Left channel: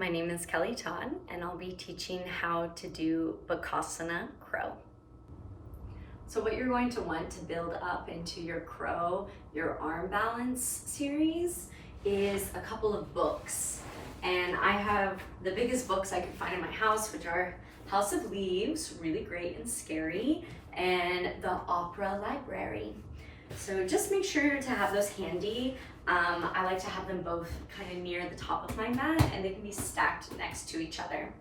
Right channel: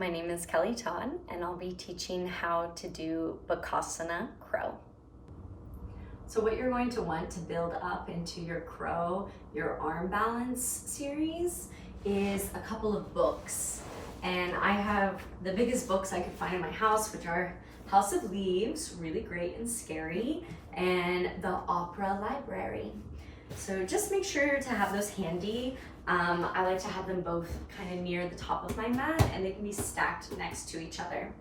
My name is Kelly Todd, and I'll be teaching how to do Bakasana crow. So what you're going to want to build up into your crow, your arm balance series, is a couple of books. And I have the biggest books I could find in my house, which are House of Leaves, really great and scary, and the Opera Library. So just make sure to have those handy. I like to have them both kind of near the top of my mat, and they can be stacked next to each other.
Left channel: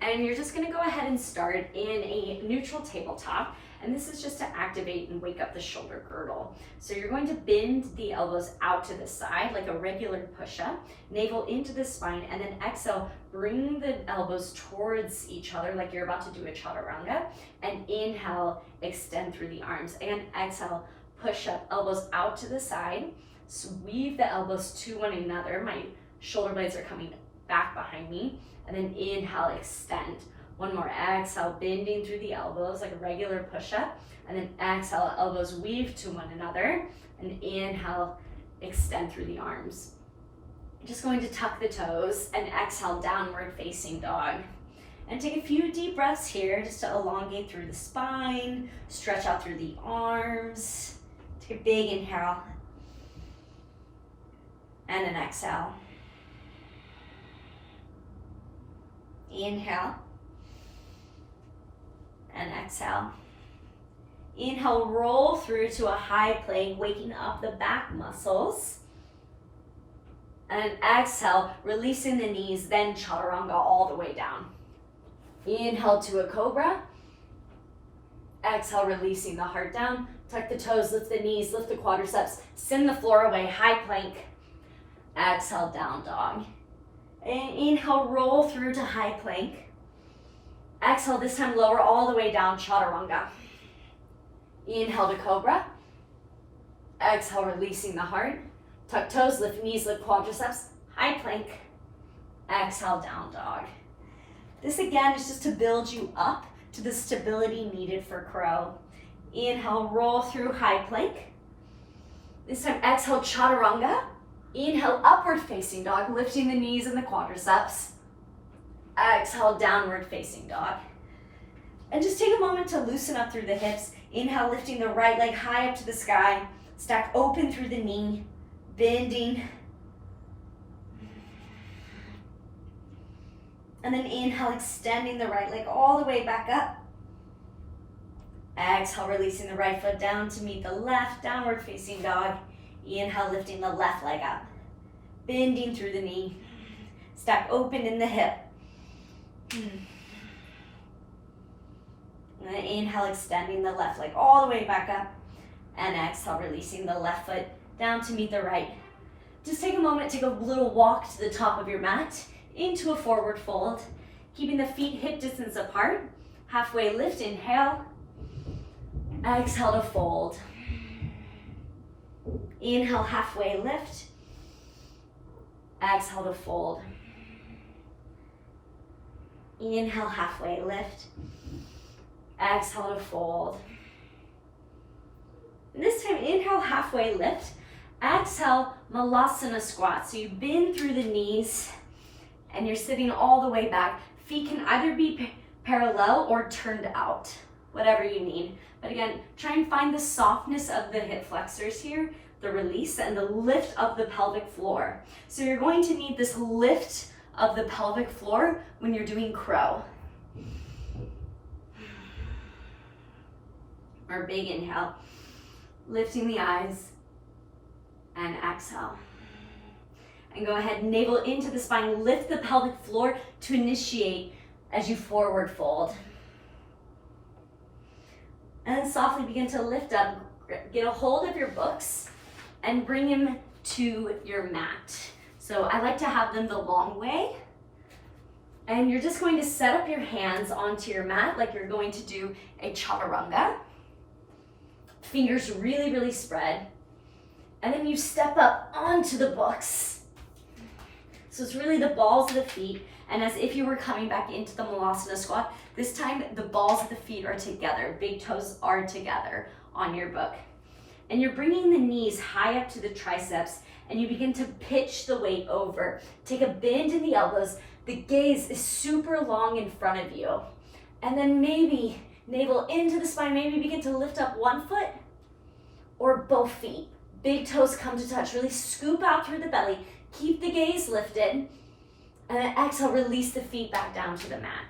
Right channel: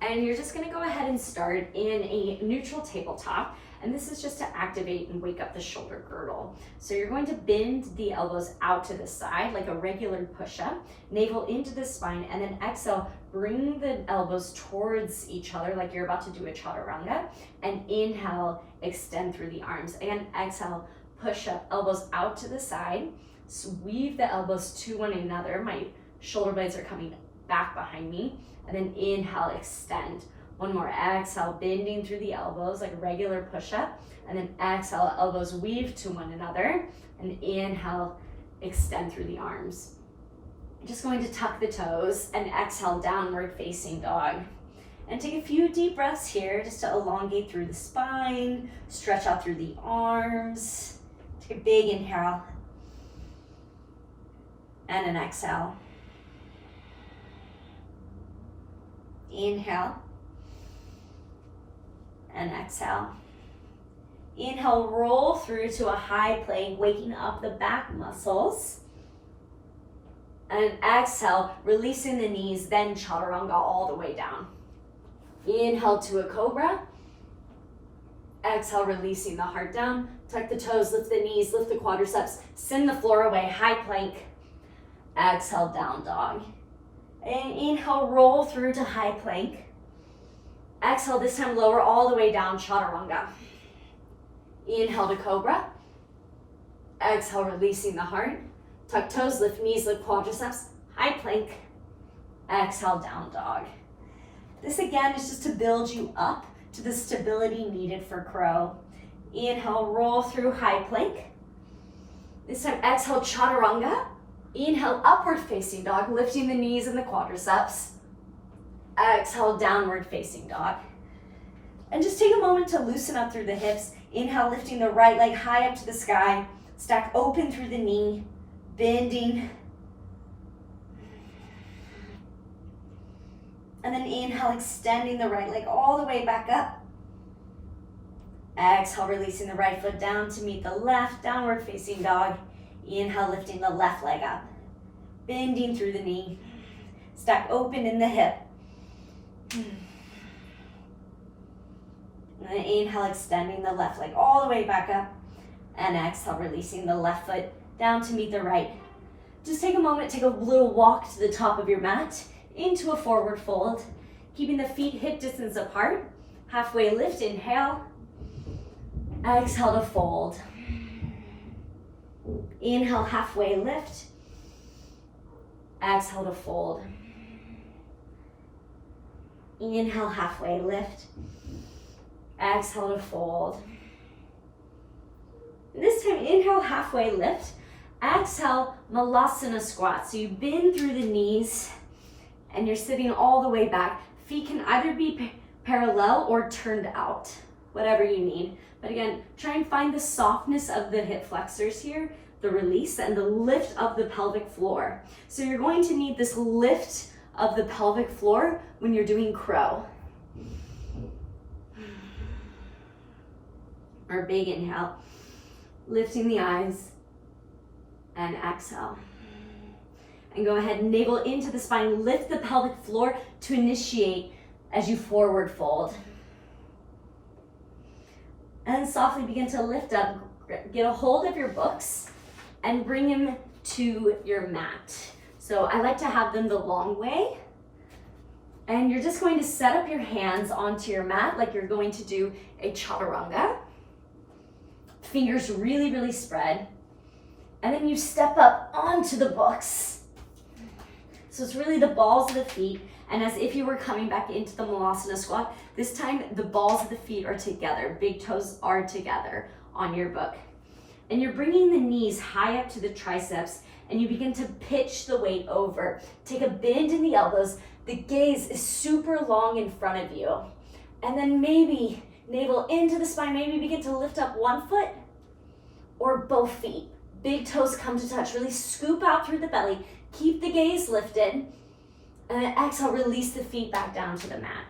And you're just gonna go ahead and start in a neutral tabletop, and this is just to activate and wake up the shoulder girdle. So you're going to bend the elbows out to the side like a regular push-up, navel into the spine, and then exhale, bring the elbows towards each other like you're about to do a chaturanga, and inhale, extend through the arms. Again, exhale, push up, elbows out to the side, weave the elbows to one another. My shoulder blades are coming back behind me, and then inhale, extend. One more, exhale, bending through the elbows like a regular push-up, and then exhale, elbows weave to one another, and inhale, extend through the arms. Just going to tuck the toes and exhale, downward facing dog. And take a few deep breaths here just to elongate through the spine, stretch out through the arms. Take a big inhale and an exhale. Inhale and exhale. Inhale, roll through to a high plank, waking up the back muscles. And exhale, releasing the knees, then chaturanga all the way down. Inhale to a cobra. Exhale, releasing the heart down. Tuck the toes, lift the knees, lift the quadriceps, send the floor away, high plank. Exhale, down dog. And inhale, roll through to high plank. Exhale, this time lower all the way down, chaturanga. Inhale to cobra. Exhale, releasing the heart. Tuck toes, lift knees, lift quadriceps, high plank. Exhale, down dog. This again is just to build you up to the stability needed for crow. Inhale, roll through high plank. This time exhale, chaturanga. Inhale, upward facing dog, lifting the knees and the quadriceps. Exhale, downward facing dog. And just take a moment to loosen up through the hips. Inhale, lifting the right leg high up to the sky. Stack open through the knee, bending. And then inhale, extending the right leg all the way back up. Exhale, releasing the right foot down to meet the left, downward facing dog. Inhale, lifting the left leg up, bending through the knee. Stack open in the hip. And then inhale, extending the left leg all the way back up. And exhale, releasing the left foot down to meet the right. Just take a moment, take a little walk to the top of your mat, into a forward fold, keeping the feet hip distance apart. Halfway lift, inhale. Exhale to fold. Inhale, halfway lift. Exhale to fold. Inhale, halfway lift. Exhale to fold. And this time, inhale, halfway lift. Exhale, Malasana squat. So you bend through the knees and you're sitting all the way back. Feet can either be parallel or turned out, whatever you need. But again, try and find the softness of the hip flexors here, the release and the lift of the pelvic floor. So you're going to need this lift of the pelvic floor when you're doing crow. Or big inhale, lifting the eyes and exhale. And go ahead, navel into the spine, lift the pelvic floor to initiate as you forward fold. And then softly begin to lift up, get a hold of your books and bring them to your mat. So I like to have them the long way. And you're just going to set up your hands onto your mat like you're going to do a chaturanga. Fingers really, really spread. And then you step up onto the books. So it's really the balls of the feet, and as if you were coming back into the Malasana squat, this time the balls of the feet are together, big toes are together on your book. And you're bringing the knees high up to the triceps and you begin to pitch the weight over. Take a bend in the elbows. The gaze is super long in front of you. And then maybe navel into the spine, maybe begin to lift up one foot or both feet. Big toes come to touch. Really scoop out through the belly. Keep the gaze lifted. And then exhale, release the feet back down to the mat.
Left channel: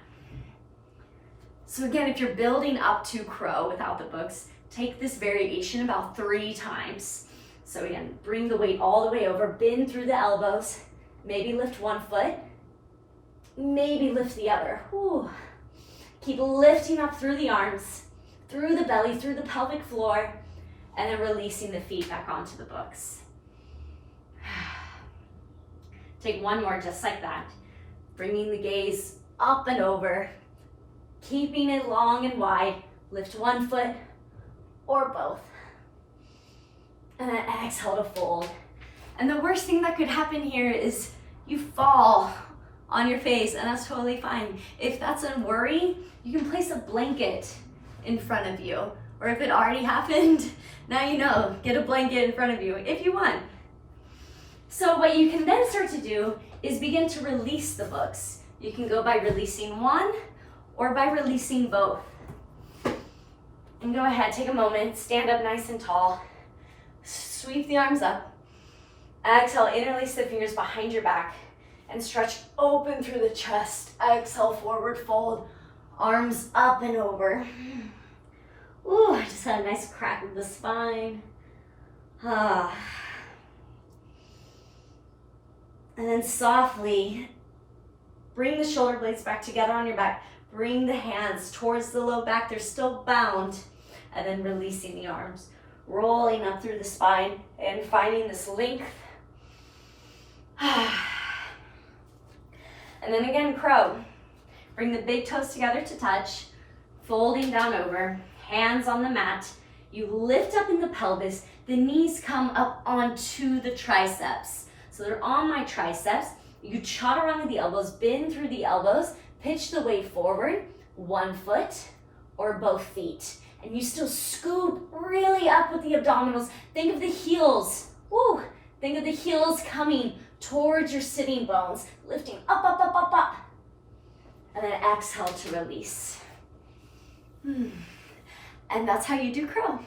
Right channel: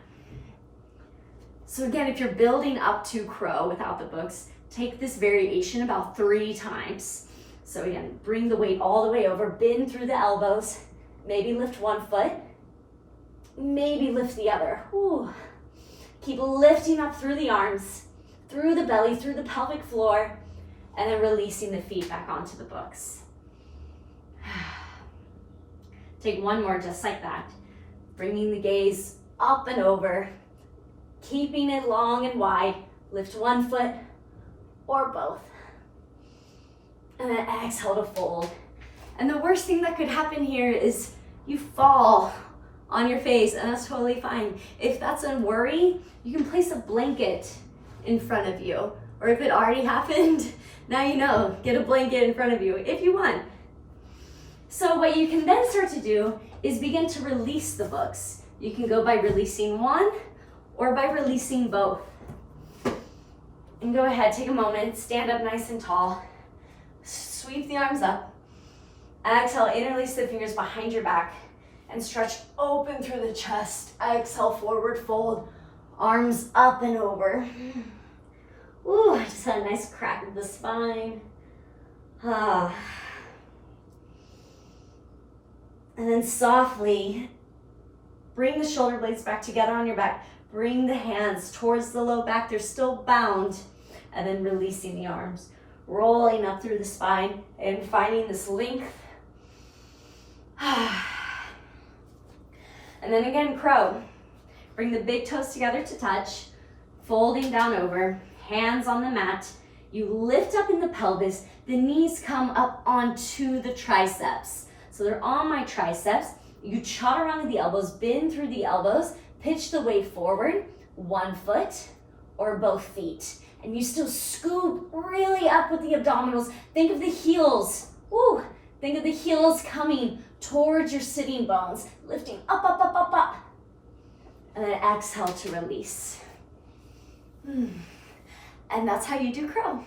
So again, if you're building up to crow without the books, take this variation about 3 times. So again, bring the weight all the way over, bend through the elbows, maybe lift one foot, maybe lift the other. Whew. Keep lifting up through the arms, through the belly, through the pelvic floor, and then releasing the feet back onto the books. Take one more just like that, bringing the gaze up and over, keeping it long and wide. Lift one foot or both. And then exhale to fold. And the worst thing that could happen here is you fall on your face, and that's totally fine. If that's a worry, you can place a blanket in front of you. Or if it already happened, now you know, get a blanket in front of you if you want. So what you can then start to do is begin to release the books. You can go by releasing one or by releasing both. And go ahead, take a moment, stand up nice and tall. Sweep the arms up. Exhale, interlace the fingers behind your back and stretch open through the chest. Exhale, forward fold. Arms up and over. Ooh, I just had a nice crack of the spine. And then softly bring the shoulder blades back together on your back. Bring the hands towards the low back. They're still bound. And then releasing the arms. Rolling up through the spine and finding this length. And then again, crow. Bring the big toes together to touch. Folding down over. Hands on the mat. You lift up in the pelvis. The knees come up onto the triceps. So they're on my triceps. You trot around with the elbows, bend through the elbows, pitch the weight forward, one foot or both feet. And you still scoop really up with the abdominals. Think of the heels. Woo! Think of the heels coming towards your sitting bones, lifting up, up, up, up, up. And then exhale to release. And that's how you do crow.